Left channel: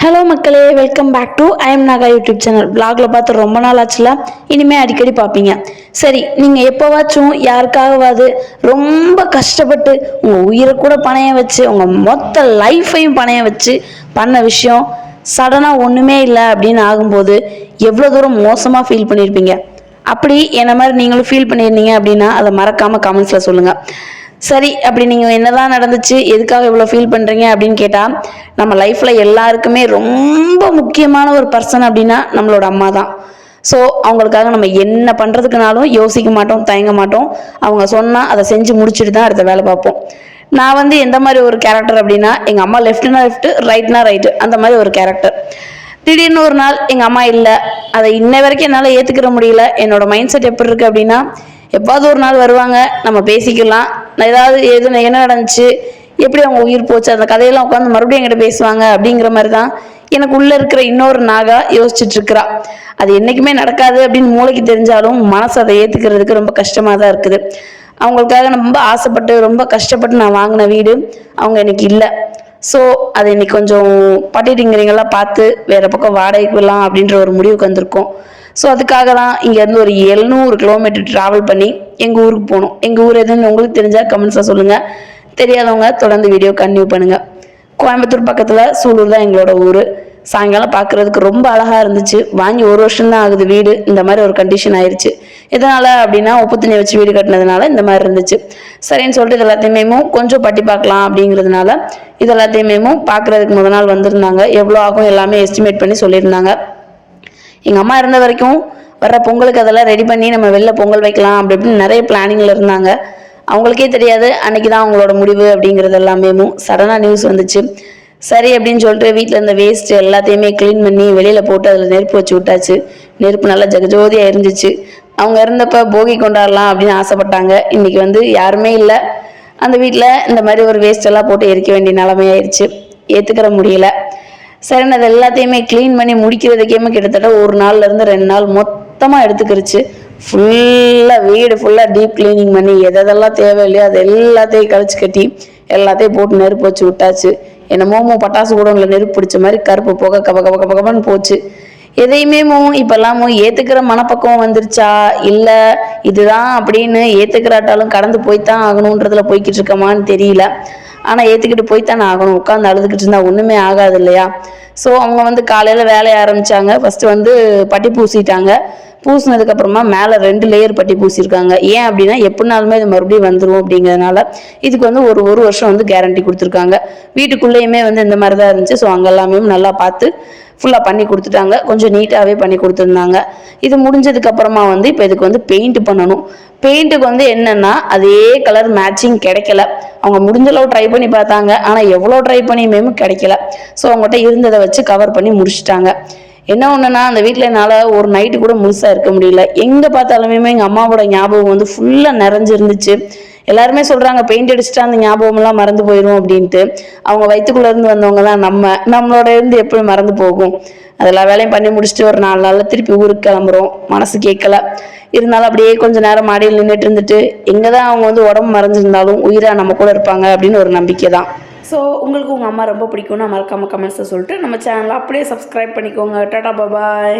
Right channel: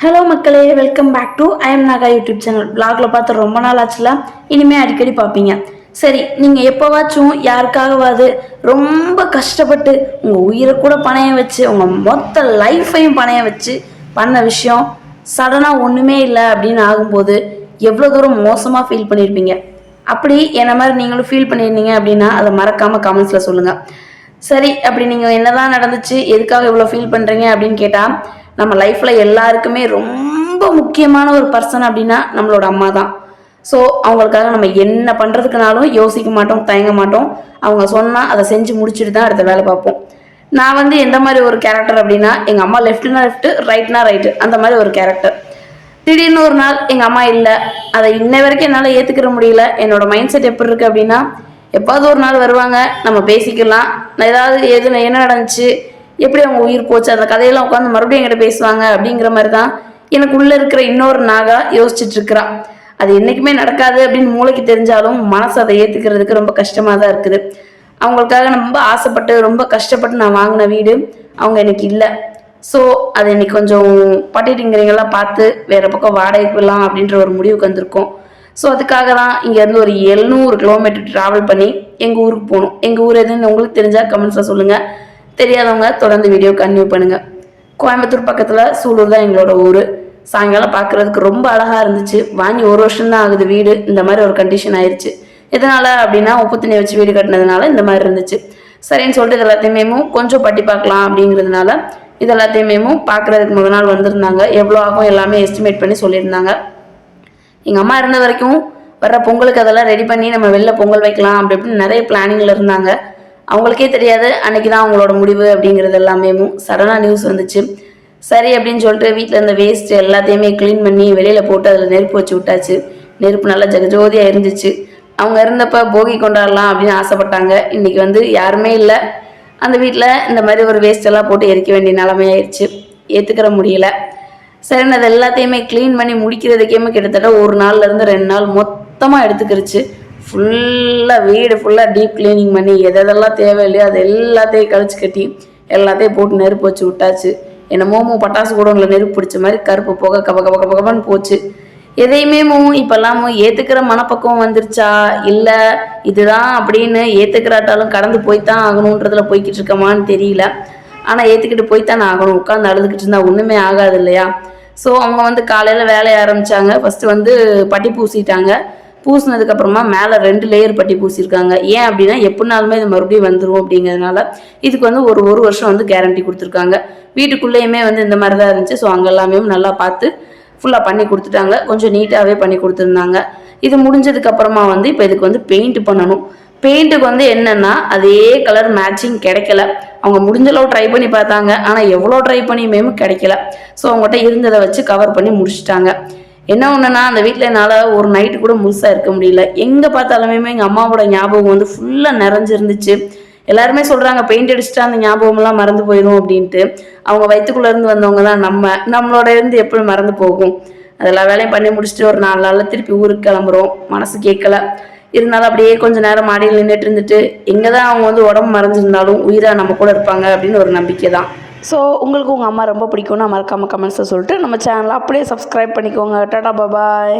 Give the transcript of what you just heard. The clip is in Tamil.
ஹலோ மக்களே. Welcome back to I M Naga YouTube channel பிளாக்ல பார்த்து ரொம்ப நாள் ஆச்சுல? இனிமேல் அடிக்கடி பார்ப்பீங்க. சரி நீங்கள் எப்போவாச்சும் யாருக்காகவாது ரொம்ப கஷ்டப்பட்டு உங்கள் உயிரை கூட பணையம் வச்சு உங்கள் மொத்த லைஃப்பையும் பணையம் வச்சு பண்ண விஷயம் சடனாக ஒன்றுமே இல்லை அப்படின்னு ஆகும்போது எவ்வளோ தூரம் மோசமாக ஃபீல் பண்ணியிருப்பீங்க அப்படி என்ன மாதிரி நீங்களும் ஃபீல் பண்ணியிருந்தீங்க அப்படின்னா அதை மறக்காமல் கமெண்ட்ஸில் சொல்லுங்கள் சரி அப்படி நீங்கள் என்னதான் நடந்துச்சு எதுக்காக இவ்வளோ ஃபீல் பண்ணுறீங்க அப்படின்னு கேட்டால் நம்ம லைஃப்பில் எல்லாருக்குமே ரொம்ப முக்கியமான ஒரு பர்சன் அப்படின்னா நம்மளோட அம்மா தான் ஸோ அவங்களுக்காக நம்ம என்ன பண்ணுறதுக்குனாலும் யோசிக்க மாட்டோம் தயங்க மாட்டோம். அவங்க சொன்னால் அதை செஞ்சு முடிச்சுட்டு தான் அடுத்த வேலை பார்ப்போம். நான் வந்து எந்த மாதிரி ஒரு கேரக்டர் அப்படின்னா எங்கள் அம்மா லெஃப்ட்னா லெஃப்ட்டு ரைட்னா ரைட்டு அந்த மாதிரி ஒரு கேரக்டர் திடீர்னு ஒரு நாள் எங்கள் அம்மா இல்லை. அதை இன்ன வரைக்கும் என்னால் ஏற்றுக்கிற முடியல. என்னோட மைண்ட் செட் எப்படி இருக்குது அப்படின்னா எப்பாவது ஒரு நாள் வருவாங்க நம்ம பேசிக்கலாம். ஏதாவது எது என்ன நடந்துச்சு எப்படி அவங்க உயிர் போச்சு? அந்த கதையெல்லாம் உட்காந்து மறுபடியும் என்கிட்ட பேசுவாங்க அப்படிங்கிற மாதிரி தான் எனக்கு உள்ளே இருக்கிற இன்னொரு நாகா யோசிச்சுட்டு இருக்கிறா. அது என்றைக்குமே நடக்காது அப்படின்னு மூளைக்கு தெரிஞ்சாலும் மனசு அதை ஏற்றுக்கிறதுக்கு ரொம்ப கஷ்டமாக தான் இருக்குது. அவங்களுக்காக ரொம்ப ஆசைப்பட்டு ரொம்ப கஷ்டப்பட்டு நான் வாங்கின வீடு அவங்க எனக்கு இல்லை. ஸோ அது இன்னைக்கு கொஞ்சம் பட்டிட்டிங்கிறீங்களாம் பார்த்து வேற பக்கம் வாடகைக்கு விடலாம் அப்படின்ற ஒரு முடிவுக்கு வந்திருக்கோம். ஸோ அதுக்காக தான் இங்கேருந்து ஒரு எழுநூறு கிலோமீட்டர் ட்ராவல் பண்ணி எங்கள் ஊருக்கு போகணும் எங்கள் ஊர் எதுன்னு உங்களுக்கு தெரிஞ்சால் கமெண்ட்ஸில் சொல்லுங்கள் தெரியாதவங்க தொடர்ந்து வீடியோ கன்டினியூ பண்ணுங்கள் கோயம்புத்தூர் பக்கத்தில் சூலூர் தான் எங்களோட ஊர். சாயங்காலம் பார்க்குறதுக்கு ரொம்ப அழகாக இருந்துச்சு. வாங்கி ஒரு வருஷம் தான் ஆகுது வீடு. இந்த மாதிரி ஒரு கண்டிஷன் ஆயிடுச்சு எதனால் அப்படின்னா உப்பு தண்ணி வச்சு வீடு கட்டினதுனால இந்த மாதிரி இருந்துச்சு. சரின்னு சொல்லிட்டு இது எல்லாத்தையுமே கொஞ்சம் பட்டி பார்க்கலாம் அப்படிங்கிறதுனால இது எல்லாத்தையுமே பார்க்குறதுக்கு முதல் நாள் வந்திருந்தாங்க. எவ்வளோ ஆகும் எல்லாமே எஸ்டிமேட் பண்ணி சொல்லியிருந்தாங்க. எங்கள் அம்மா இருந்த வரைக்கும் வர்ற பொங்கலுக்கு அதெல்லாம் ரெடி பண்ணி நம்ம வெளில பொங்கல் வைக்கலாம் அப்படி இப்படின்னு நிறைய பிளானிங்கில் இருந்தாங்க. அவங்களுக்கே தெரியாது. அன்னைக்கு தான் அவங்களோட முடிவு அப்படிங்கிறது எல்லாமே சடனாக நியூஸ் வந்துச்சு. சரி அப்படின்னு சொல்லிட்டு வீட்டில் இருந்த வேஸ்ட் எல்லாத்தையுமே க்ளீன் பண்ணி வெளியில் போட்டு அதில் நெருப்பு வச்சு விட்டாச்சு. நெருப்பு நல்லா ஜகஜோதியாக இருந்துச்சு. அவங்க இருந்தப்ப போகி கொண்டாடலாம் அப்படின்னு ஆசைப்பட்டாங்க. இன்னைக்கு வந்து யாருமே இல்லை. அந்த வீட்டில் இந்த மாதிரி ஒரு வேஸ்ட் எல்லாம் போட்டு எரிக்க வேண்டிய நிலைமையாயிருச்சு. ஏற்றுக்கிற முடியல. சரி அது எல்லாத்தையுமே க்ளீன் பண்ணி முடிக்கிறதுக்கேமே கிட்டத்தட்ட ஒரு நாள்ல இருந்து ரெண்டு நாள் மொத்தமாக எடுத்துக்கிருச்சு. ஃபுல்லாக வீடு ஃபுல்லாக டீப் கிளீனிங் பண்ணி எதெல்லாம் தேவையில்லையோ அது எல்லாத்தையும் கழிச்சு கட்டி எல்லாத்தையும் போட்டு நெருப்பு வச்சு விட்டாச்சு. என்னமோ பட்டாசு கூட உங்களை நெருப்பு பிடிச்ச மாதிரி கருப்பு போக கப கப கப கபன்னு போச்சு. எதையுமே இப்பெல்லாம் ஏற்றுக்கிற மனப்பக்குவம் வந்துருச்சா? இல்லை இதுதான் அப்படின்னு ஏற்றுக்கிறாட்டாலும் கடந்து போய்த்தான் ஆகணுன்றதுல போய்கிட்டு இருக்கமான்னு தெரியல. ஆனால் ஏற்றுக்கிட்டு போய்த்தானே ஆகணும். உட்காந்து அழுதுகிட்டு இருந்தால் ஒன்றுமே ஆகாது இல்லையா? ஸோ அவங்க வந்து காலையில் வேலையை ஆரம்பித்தாங்க ஃபஸ்ட்டு வந்து பட்டி பூசிட்டாங்க. பூசினதுக்கப்புறமா மேலே ரெண்டு லேயர் பட்டி பூசியிருக்காங்க. ஏன் அப்படின்னா எப்படினாலுமே இது மறுபடியும் வந்துடும் அப்படிங்கிறதுனால இதுக்கு வந்து ஒரு ஒரு வருஷம் வந்து கேரண்டி கொடுத்துருக்காங்க. வீட்டுக்குள்ளேயுமே வந்து இந்த மாதிரி தான் இருந்துச்சு. ஸோ அங்கே எல்லாமே நல்லா பார்த்து ஃபுல்லாக பண்ணி கொடுத்துட்டாங்க. கொஞ்சம் நீட்டாகவே பண்ணி கொடுத்துருந்தாங்க. இது முடிஞ்சதுக்கு அப்புறமா வந்து இப்போ இதுக்கு வந்து பெயிண்ட் பண்ணணும். பெயிண்ட்டுக்கு வந்து என்னென்னா அதே கலர் மேட்சிங் கிடைக்கல. அவங்க முடிஞ்ச அளவு ட்ரை பண்ணி பார்த்தாங்க. ஆனால் எவ்வளோ ட்ரை பண்ணியுமே கிடைக்கல. ஸோ அவங்ககிட்ட இருந்ததை வச்சு கவர் பண்ணி முடிச்சிட்டாங்க. என்ன ஒன்றுனா அந்த வீட்டில் என்னால் ஒரு நைட்டு கூட முழுசாக இருக்க முடியல. எங்கே பார்த்தாலுமே எங்கள் அம்மாவோட ஞாபகம் வந்து ஃபுல்லாக நிறைஞ்சிருந்துச்சு. எல்லாருமே சொல்கிறாங்க பெயிண்ட் அடிச்சுட்டா அந்த ஞாபகமெல்லாம் மறந்து போயிடும் அப்படின்ட்டு. அவங்க வயிற்றுக்குள்ளேருந்து வந்தவங்க தான் நம்ம நம்மளோட இருந்து எப்படி மறந்து போகும். அதெல்லாம் வேலையும் பண்ணி முடிச்சுட்டு ஒரு நாலு நாளில் திருப்பி ஊருக்கு கிளம்புறோம். மனசு கேட்கல. இருந்தாலும் அப்படியே கொஞ்ச நேரம் மாடியில் நின்றுட்டு இருந்துட்டு எங்கே தான் அவங்க வந்து உடம்பு மறைஞ்சிருந்தாலும் உயிராக நம்ம கூட இருப்பாங்க அப்படின்னு ஒரு நம்பிக்கை தான் ஸோ உங்களுக்கு உங்கள் அம்மா ரொம்ப பிடிக்கும்னு மறக்காமல் கமெண்ட்ஸை சொல்லிட்டு நம்ம சேனலை அப்படியே சப்ஸ்கிரைப் பண்ணிக்கோங்க. டாடா பாபாய்